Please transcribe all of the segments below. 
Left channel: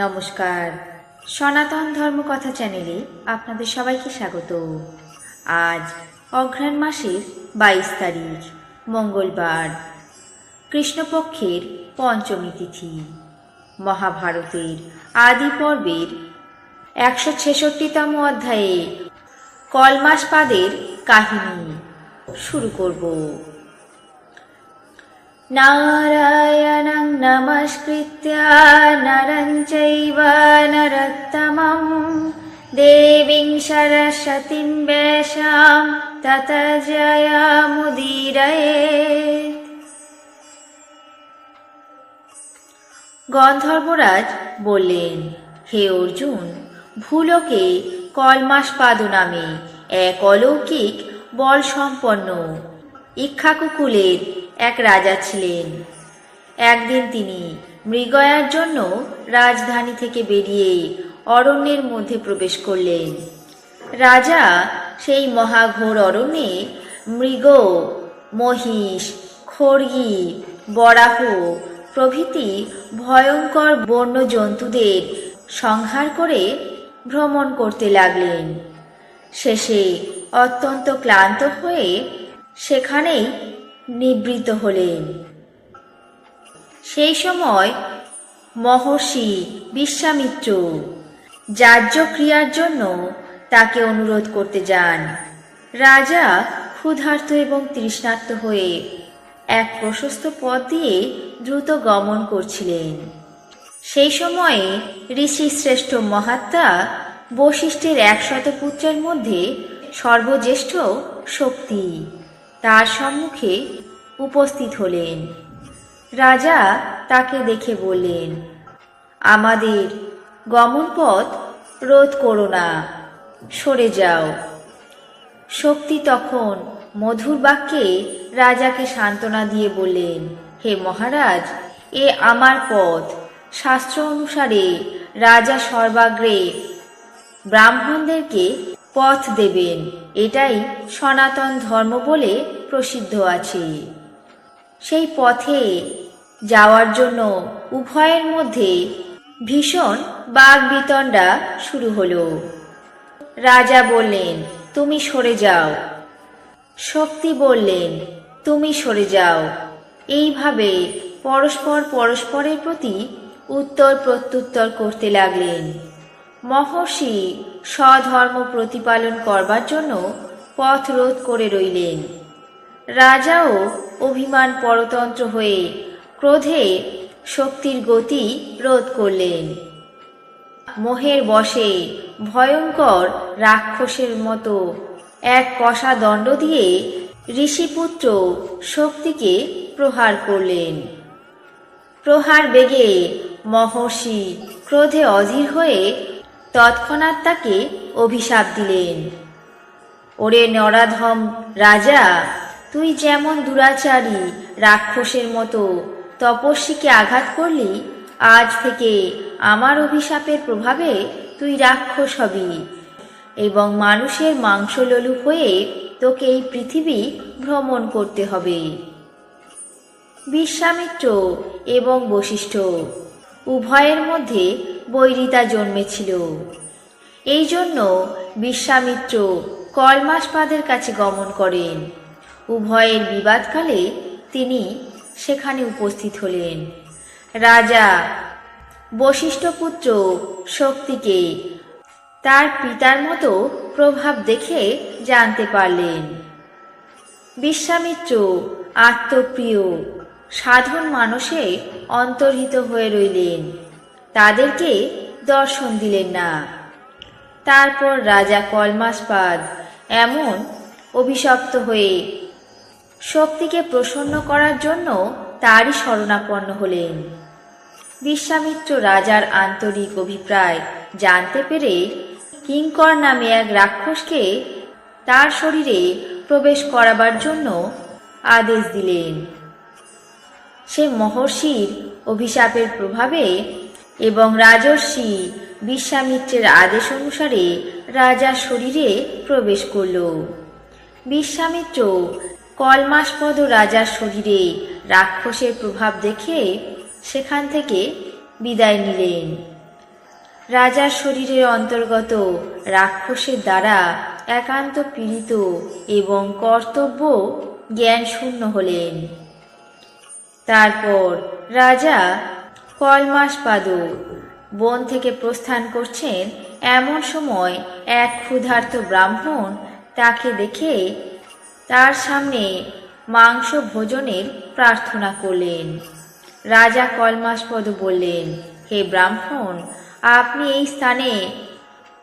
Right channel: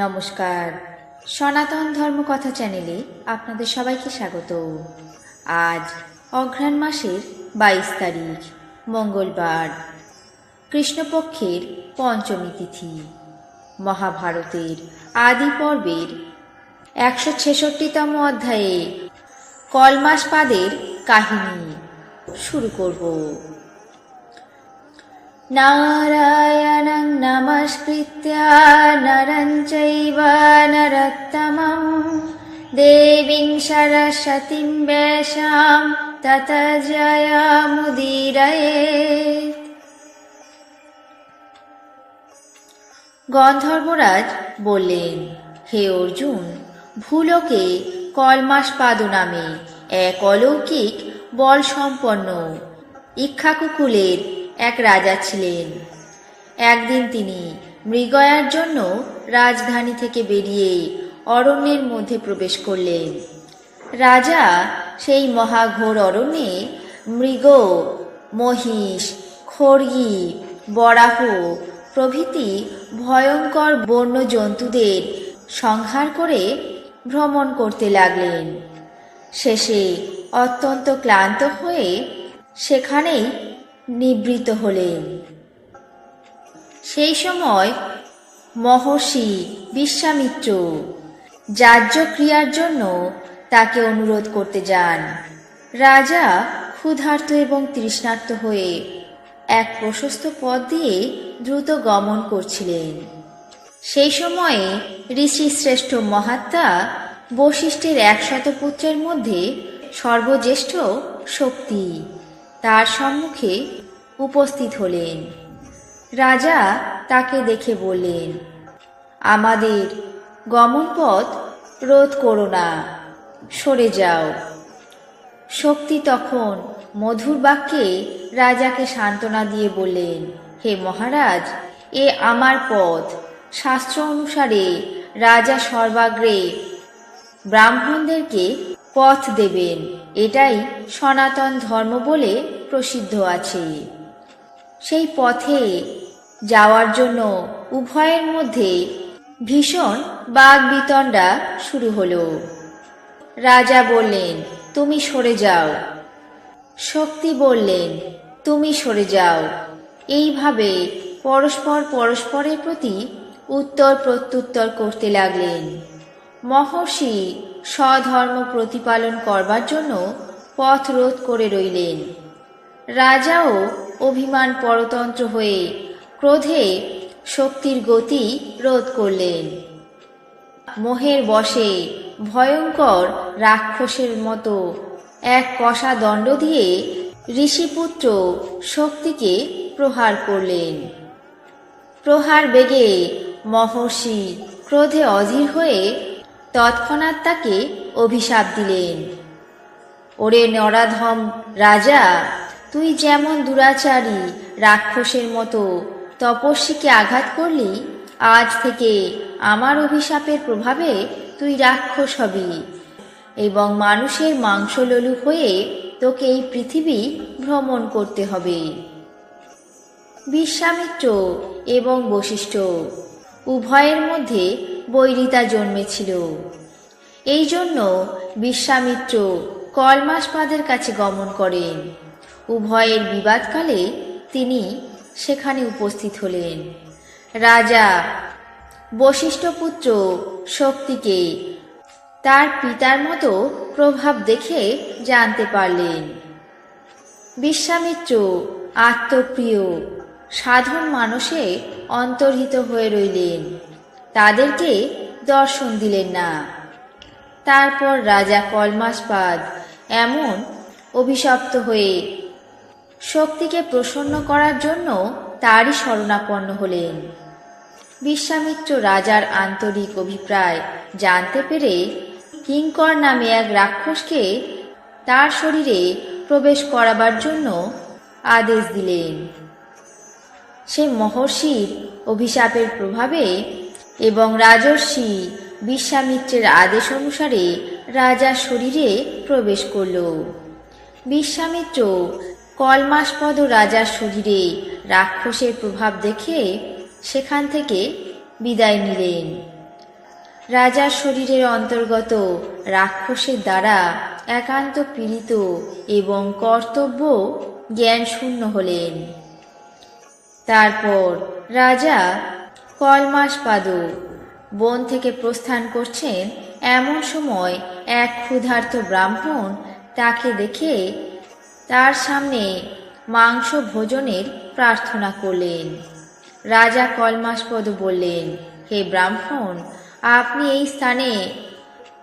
নমস্কার, সনাতন ধর্মকথা চ্যানেলে আপনাদের সবাইকে স্বাগত। আজ অঘ্রাণ মাসের 22 তারিখ মঙ্গলবার, কৃষ্ণপক্ষের পঞ্চমী তিথি। মহাভারতের আদি পর্বের 166তম অধ্যায়ে কলমাসপাদের কাহিনী শুরু করব। নারায়ণং নমস্কৃত্য নরং চৈব নরোত্তমং দেবীং সরস্বতীং ব্যাসাং ততো জয়মুদীরয়েৎ। গন্ধর্বরাজ বললেন, হে অর্জুন, ভূলোকে কলমাসপাদ নামে এক অলৌকিক বল সম্পন্ন ইক্ষ্বাকু কুলের এক রাজা ছিলেন। একদিন তিনি মৃগয়ার জন্য রাজধানী থেকে বেরিয়ে অরণ্যের মধ্যে প্রবেশ করলেন। রাজা সেই মহাঘোর অরণ্যে মৃগ, মহিষ, খড়গি, বরাহ প্রভৃতি ভয়ঙ্কর বন্য জন্তুদের সংহার করে ভ্রমণ করতে লাগলেন। শেষে অত্যন্ত ক্লান্ত হয়ে সেখানেই নিবৃত্ত হলেন। সেই সময় মহর্ষি বিশ্বামিত্র যাজ্ঞক্রিয়ার জন্য তাকে অনুরোধ করতে যান। রাজা ক্ষুধার্ত এবং তৃষ্ণার্ত হয়ে এক প্রশস্ত পথ দিয়ে দ্রুত গমন করছিলেন। সেই সময়ে ঋষি শ্রেষ্ঠ মহাত্মা বশিষ্ঠের 100 পুত্রের মধ্যে সর্বজ্যেষ্ঠ শক্তি তার সম্মুখে উপস্থিত হলেন। রাজা তাকে দেখে বললেন, আমাদের গমন পথ রোধ করো না, সরে যাও। শক্তি তখন মধুর বাক্যে রাজাকে সান্ত্বনা দিয়ে বললেন, হে মহারাজ, এ আমার পথ। শাস্ত্র অনুসারে রাজা সর্বাগ্রে ব্রাহ্মণদেরকে পথ দেবেন, এটাই সনাতন ধর্ম বলে প্রসিদ্ধ আছে। সেই পথে যাওয়ার জন্য উভয়ের মধ্যে ভীষণ বাগবিতণ্ডা শুরু হলো। রাজা বললেন, তুমি সরে যাও। শক্তি বললেন, তুমি সরে যাও। এইভাবে পরস্পরের প্রতি উত্তর প্রত্যুত্তর করতে লাগলেন। মহর্ষি স্বধর্ম প্রতিপালন করবার জন্য পথ রোধ করে রইলেন। রাজাও অভিমান পরতন্ত্র হয়ে ক্রোধে শক্তির গতি রোধ করলেন। মোহের বশে ভয়ঙ্কর রাক্ষসের মতো এক কষা দণ্ড দিয়ে ঋষিপুত্র শক্তিকে প্রহার করলেন। প্রহার বেগে মহর্ষি ক্রোধে অধীর হয়ে তৎক্ষণাৎ তাকে অভিশাপ দিলেন, ওরে নরাধম রাজা, তুই যেমন দুরাচারী রাক্ষসের মতো তপস্বীকে আঘাত করলি, আজ থেকে আমার অভিশাপের প্রভাবে তুই রাক্ষস হবি এবং মানুষের মাংসলোলুপ হয়ে তোকে এই পৃথিবী ভ্রমণ করতে হবে। বিশ্বামিত্র এবং বশিষ্ঠ উভয়ের মধ্যে বৈরিতা জন্মেছিল। এই জন্য বিশ্বামিত্র কলমাসপাদের কাছে গমন করেন। উভয়ের বিবাদকালে তিনি সেখানে উপস্থিত হলেন। রাজা বশিষ্ঠপুত্র শক্তিকে তার পিতার মতো প্রভাব দেখে জানতে পারলেন। বিশ্বামিত্র আত্মপ্রিয় সাধন মানুষে অন্তর্হিত হয়ে রইলেন, তাদেরকে দর্শন দিলেন না। তারপর রাজা কলমাসপাদ এমন অভিশপ্ত হয়ে শক্তিকে প্রসন্ন করার জন্য তারই শরণাপন্ন হলেন। বিশ্বামিত্র রাজার আন্তরিক অভিপ্রায় জানতে পেরে কিঙ্কর নামে এক রাক্ষসকে তার শরীরে প্রবেশ করাবার জন্য আদেশ দিলেন। সে মহর্ষির অভিশাপের প্রভাবে এবং রাজর্ষি বিশ্বামিত্রের আদেশ অনুসারে রাজার শরীরে প্রবেশ করল। বিশ্বামিত্র কলমাসপদ রাজার শরীরে রাক্ষসের প্রভাব দেখে সেখান থেকে বিদায় নিলেন। রাজার শরীরের অন্তর্গত রাক্ষসের দ্বারা একান্ত পীড়িত এবং কর্তব্য জ্ঞান শূন্য হলেন। তারপর রাজা কলমাসপাদ বন থেকে প্রস্থান করছেন, এমন সময় এক ক্ষুধার্ত ব্রাহ্মণ তাকে দেখে তার সামনে মাংস ভোজনের প্রার্থনা করলেন। রাজা কলমাসপদ বললেন, হে ব্রাহ্মণ, আপনি এই স্থানে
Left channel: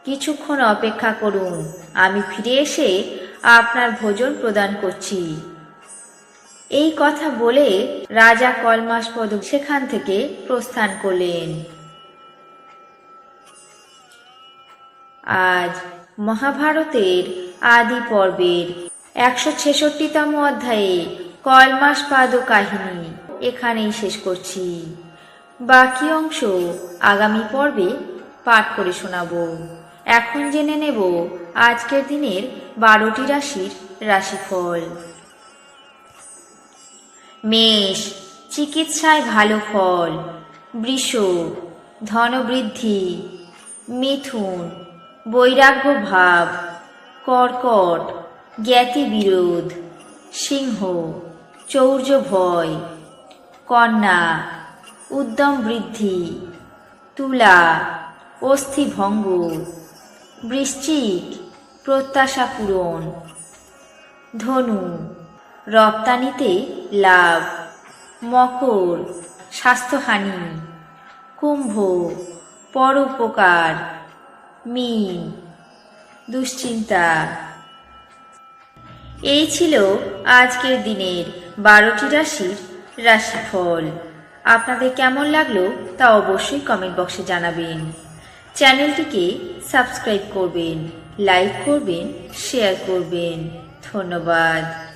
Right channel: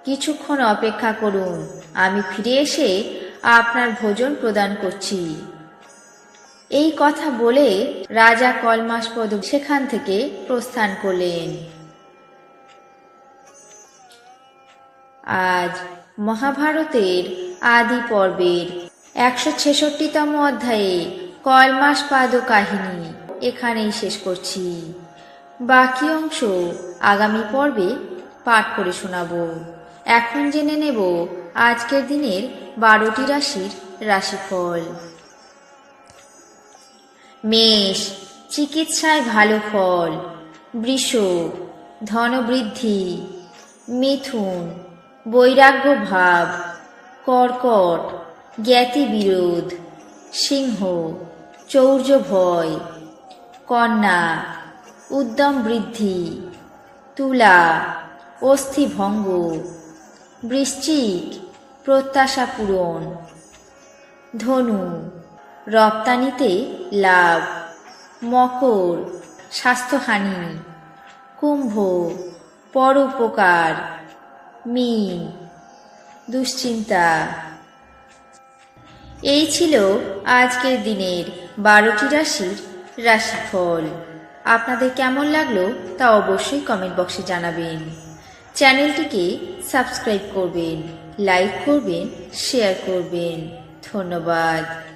কিছুক্ষণ অপেক্ষা করুন, আমি ফিরে এসে আপনার ভোজন প্রদান করছি। এই কথা বলে রাজা কলমাসপদ সেখান থেকে প্রস্থান করলেন। আজ মহাভারতের আদি পর্বের 166তম অধ্যায়ে কলমাসপাদ কাহিনী এখানেই শেষ করছি। বাকি অংশ আগামী পর্বে পাঠ করে শোনাব। এখন জেনে নেব আজকের দিনের 12টি রাশির রাশিফল। মেষ, চিকিৎসায় ভালো ফল। বৃষ, ধনবৃদ্ধি। মিথুন, বৈরাগ্য ভাব। কর্কট, জ্ঞাতি বিরোধ। সিংহ, চৌর্য ভয়। কন্যা, উদ্যম বৃদ্ধি। তুলা, অস্থিভঙ্গ। বৃশ্চিক, প্রত্যাশা পূরণ। ধনু, রপ্তানিতে লাভ। মকর, স্বাস্থ্যহানি। কুম্ভ, পরোপকার। মীন, দুশ্চিন্তা। এই ছিল আজকের দিনের 12টি রাশির রাশিফল। আপনাদের কেমন লাগলো তা অবশ্যই কমেন্ট বক্সে জানাবেন। চ্যানেলটিকে সাবস্ক্রাইব করবেন, লাইক করবেন, শেয়ার করবেন। ধন্যবাদ।